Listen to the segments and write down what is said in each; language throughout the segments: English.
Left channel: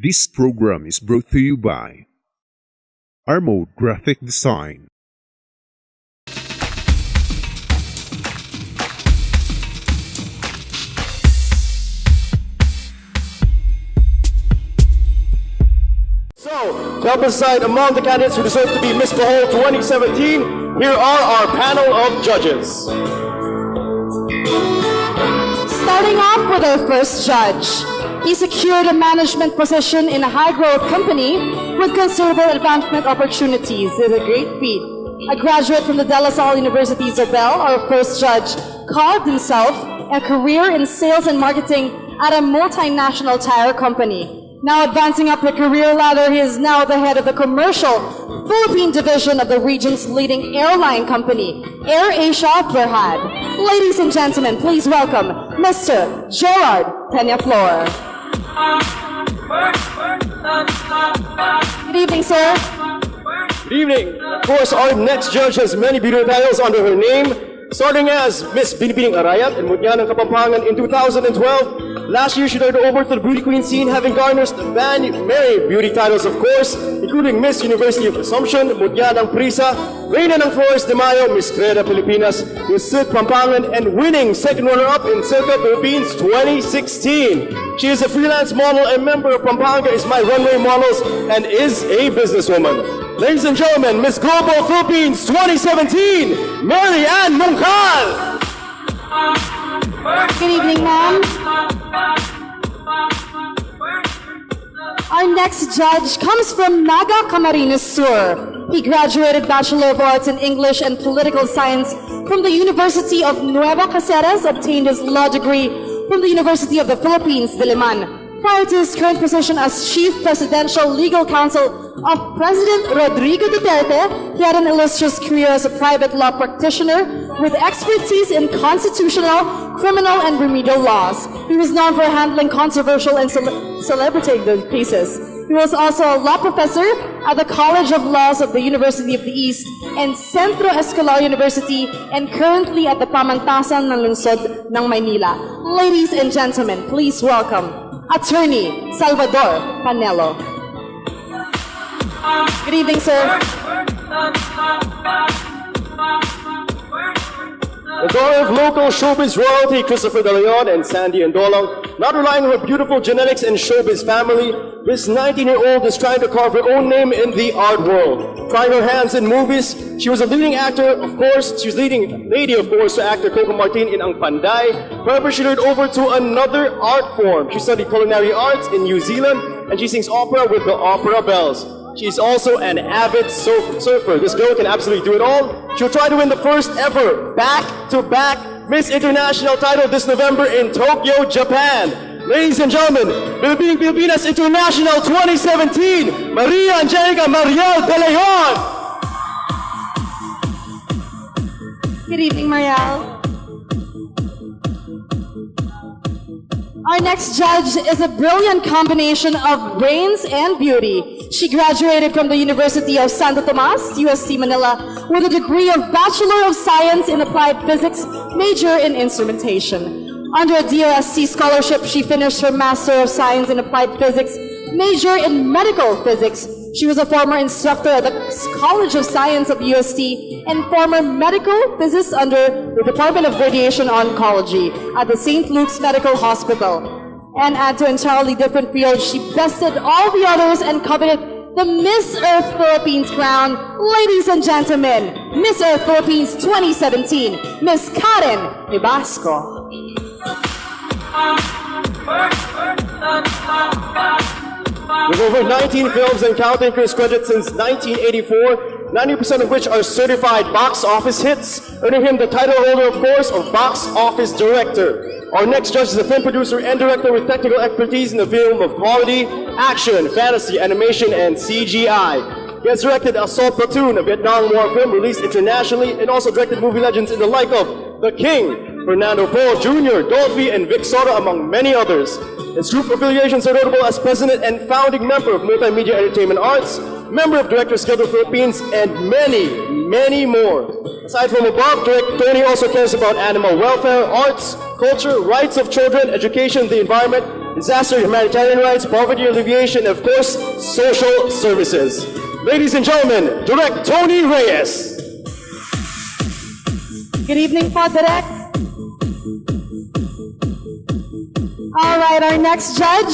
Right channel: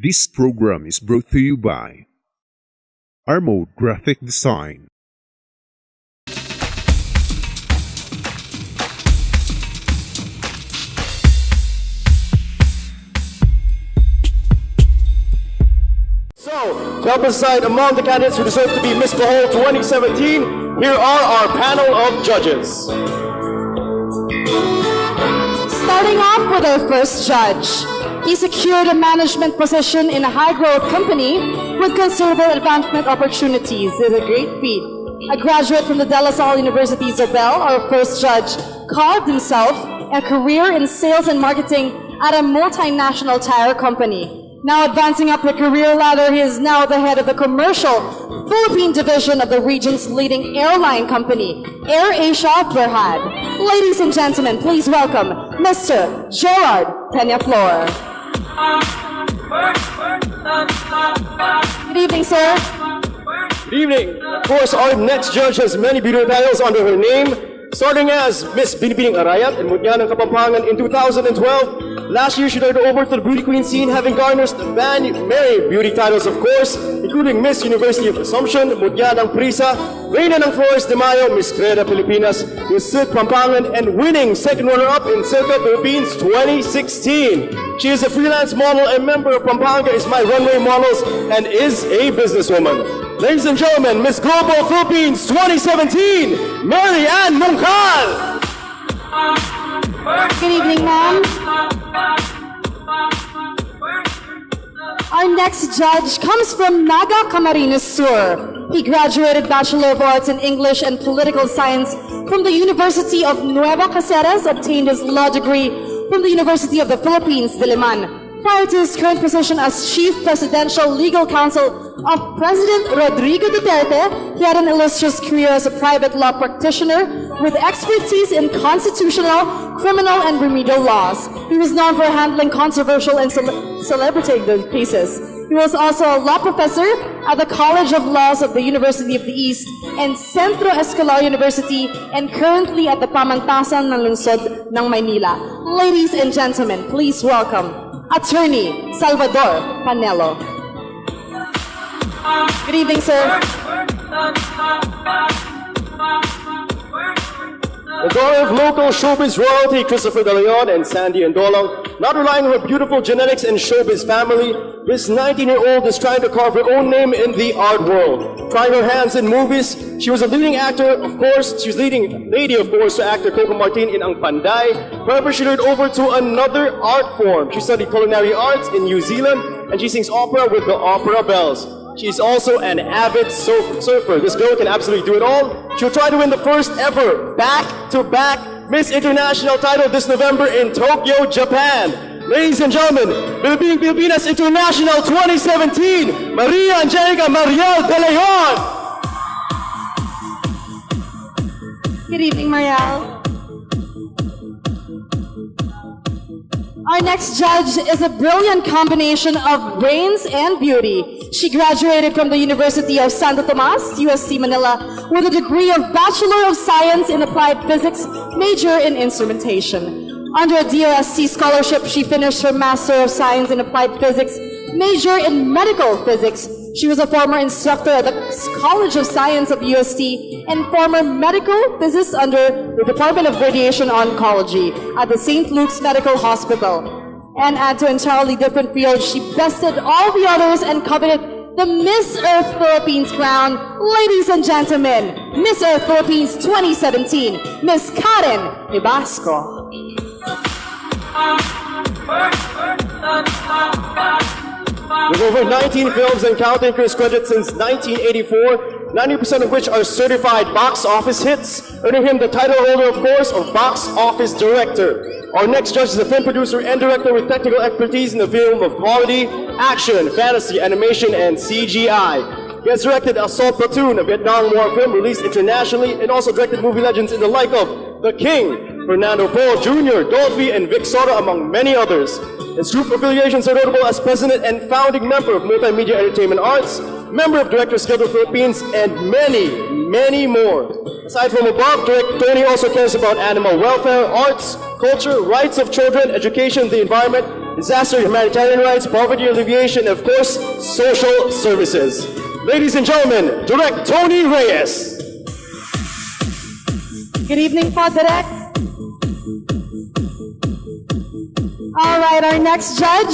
This program is brought to you by Armode Graphic Design. So, to help us decide among the candidates who deserve to be Miss Bohol 2017, here are our panel of judges. Starting off with our first judge. He secured a management position in a high-growth company with considerable advancement opportunities. It's a great feat. A graduate from the De La Salle University, Isabel, our first judge, carved himself a career in sales and marketing at a multinational tire company. Now advancing up the career ladder, he is now the head of the commercial Philippine division of the region's leading airline company, AirAsia Berhad. Ladies and gentlemen, please welcome Mr. Gerard Peñaflor. Good evening, sir. Good evening. Of course, our next judge has many beautiful titles under her name, starting as Miss Binibining Arayat in Mutya ng Kapampangan in 2012. Last year, she led over to the beauty queen scene, having garnered many beauty titles, of course, including Miss University of Assumption, Mutya ng Prisa, Reina ng Flores de Mayo, Miss Creda Pilipinas, Miss Silk Pampangan, and winning second runner-up in Circa Philippines 2016. She is a freelance model and member of Pampanga is My Runway Models and is a businesswoman. Ladies and gentlemen, Miss Global Philippines 2017, Mary Ann Moncal. Good evening, ma'am. Our next judge comes from Naga Camarines Sur. He graduated Bachelor of Arts in English and Political Science from the University of Nueva Caceres, obtained his law degree from the University of the Philippines, Diliman. Prior to his current position as Chief Presidential Legal Counsel of President Rodrigo Duterte, he had an illustrious career as a private law practitioner with expertise in constitutional, criminal, and remedial laws. He was known for handling controversial and celebrity cases. He was also a law professor at the College of Laws of the University of the East and Centro Escolar University, and currently at the Pamantasan ng Lungsod ng Maynila. Ladies and gentlemen, please welcome Attorney Salvador Panelo. Good evening, sir. The daughter of local showbiz royalty Christopher De Leon and Sandy Indolong, not relying on her beautiful genetics and showbiz family, this 19-year-old is trying to carve her own name in the art world. Trying her hands in movies, she was a leading actor, of course. She was leading lady, of course, to actor Coco Martin in Ang Panday. However, she turned over to another art form. She studied culinary arts in New Zealand, and she sings opera with the Opera Bells. She's also an avid surfer. This girl can absolutely do it all. She'll try to win the first ever back-to-back Miss International title this November in Tokyo, Japan. Ladies and gentlemen, Philippine Filipinas International 2017, Maria Angelica Mariel De Leon. Good evening, Mariel. Our next judge is a brilliant combination of brains and beauty. She graduated from the University of Santo Tomas, UST Manila, with a degree of Bachelor of Science in Applied Physics, major in Instrumentation. Under a DOST scholarship, she finished her Master of Science in Applied Physics, major in Medical Physics. She was a former instructor at the College of Science of UST and former medical physicist under the Department of Radiation Oncology at the St. Luke's Medical Hospital. And add to entirely different fields, she bested all the others and coveted the Miss Earth Philippines crown. Ladies and gentlemen, Miss Earth Philippines 2017, Miss Karen Ibasco. With over 19 films and counting Chris credits since 1984, 90% of which are certified box office hits, earning him the title holder, of course, of Box Office Director. Our next judge is a film producer and director with technical expertise in the field of quality, action, fantasy, animation, and CGI. He has directed Assault Platoon, a Vietnam War film released internationally, and also directed movie legends in the like of The King, Fernando Poe Jr., Dolphy, and Vic Sora, among many others. His group affiliations are notable as president and founding member of Multimedia Entertainment Arts, member of Directors Guild of the Philippines, and many more. Aside from above, Tony also cares about animal welfare, arts, culture, rights of children, education, the environment, disaster humanitarian rights, poverty alleviation, and of course, social services. Ladies and gentlemen, Direct Tony Reyes. Good evening po, Direk. Alright, our next judge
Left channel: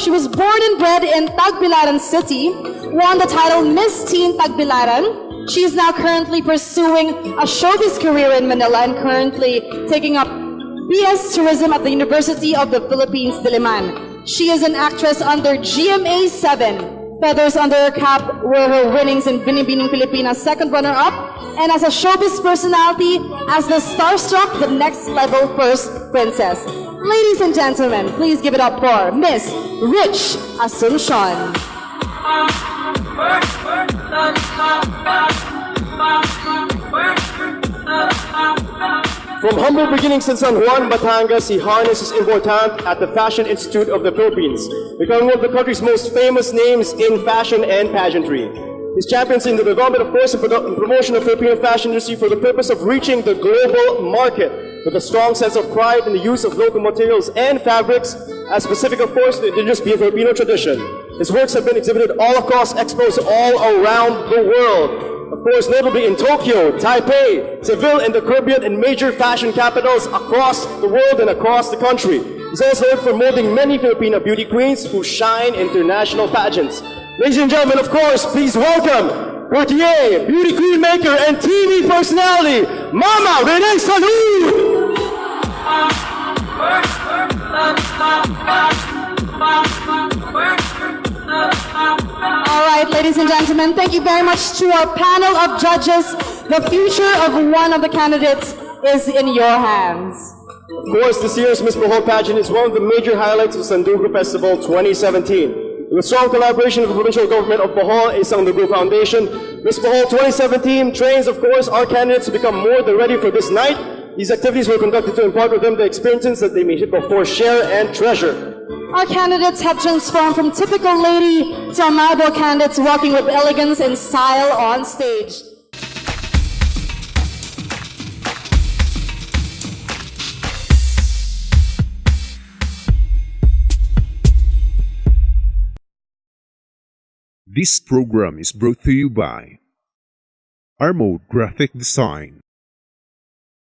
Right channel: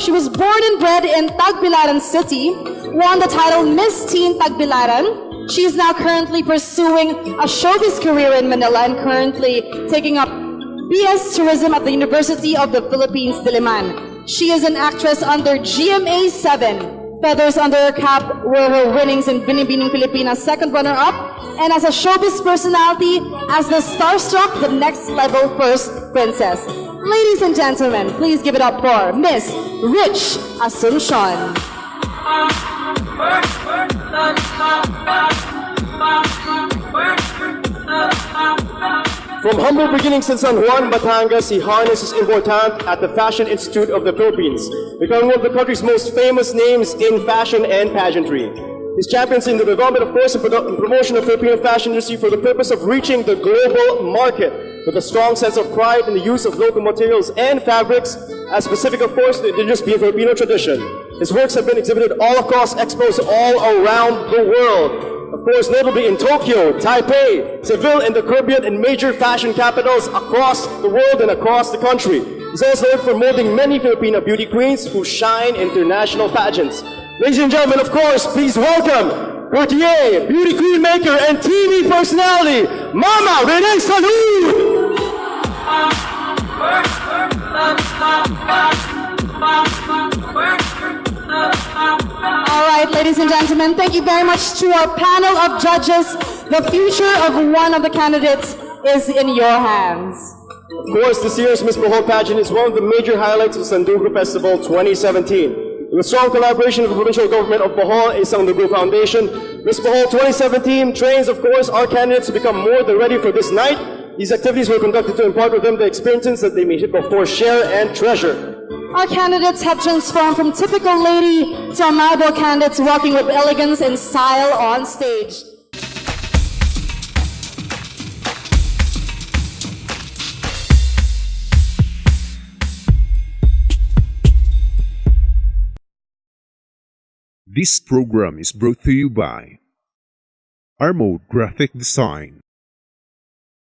she was born and bred in Tagbilaran City, won the title Miss Teen Tagbilaran. She is now currently pursuing a showbiz career in Manila and currently taking up BS Tourism at the University of the Philippines, Diliman. She is an actress under GMA 7. Feathers under her cap were her winnings in Binibining Pilipinas, second runner-up, and as a showbiz personality, as the starstruck The Next Level First Princess. Ladies and gentlemen, please give it up for Miss Rich Asuncion. From humble beginnings in San Juan, Batangas, he harnessed his inborn talent at the Fashion Institute of the Philippines, becoming one of the country's most famous names in fashion and pageantry. His champions in the development, of course, and promotion of Filipino fashion industry for the purpose of reaching the global market with a strong sense of pride in the use of local materials and fabrics, as specific, of course, to the indigenous Filipino tradition. His works have been exhibited all across expos all around the world. Of course, notably in Tokyo, Taipei, Seville, and the Caribbean, and major fashion capitals across the world and across the country. He's also known for molding many Filipino beauty queens who shine in international pageants. Ladies and gentlemen, of course, please welcome Cartier, beauty queen maker, and TV personality, Mama Renee Salud! Alright, ladies and gentlemen, thank you very much to our panel of judges. The future of one of the candidates is in your hands. Of course, this year's Miss Bohol pageant is one of the major highlights of Sandugo Festival 2017. With strong collaboration with the provincial government of Bohol and Sandugo Foundation, Miss Bohol 2017 trains, of course, our candidates to become more than ready for this night. These activities were conducted to impart with them the experiences that they may, of course, share and treasure. Our candidates have transformed from typical lady to amable candidates walking with elegance and style on stage. This program is brought to you by Armode Graphic Design.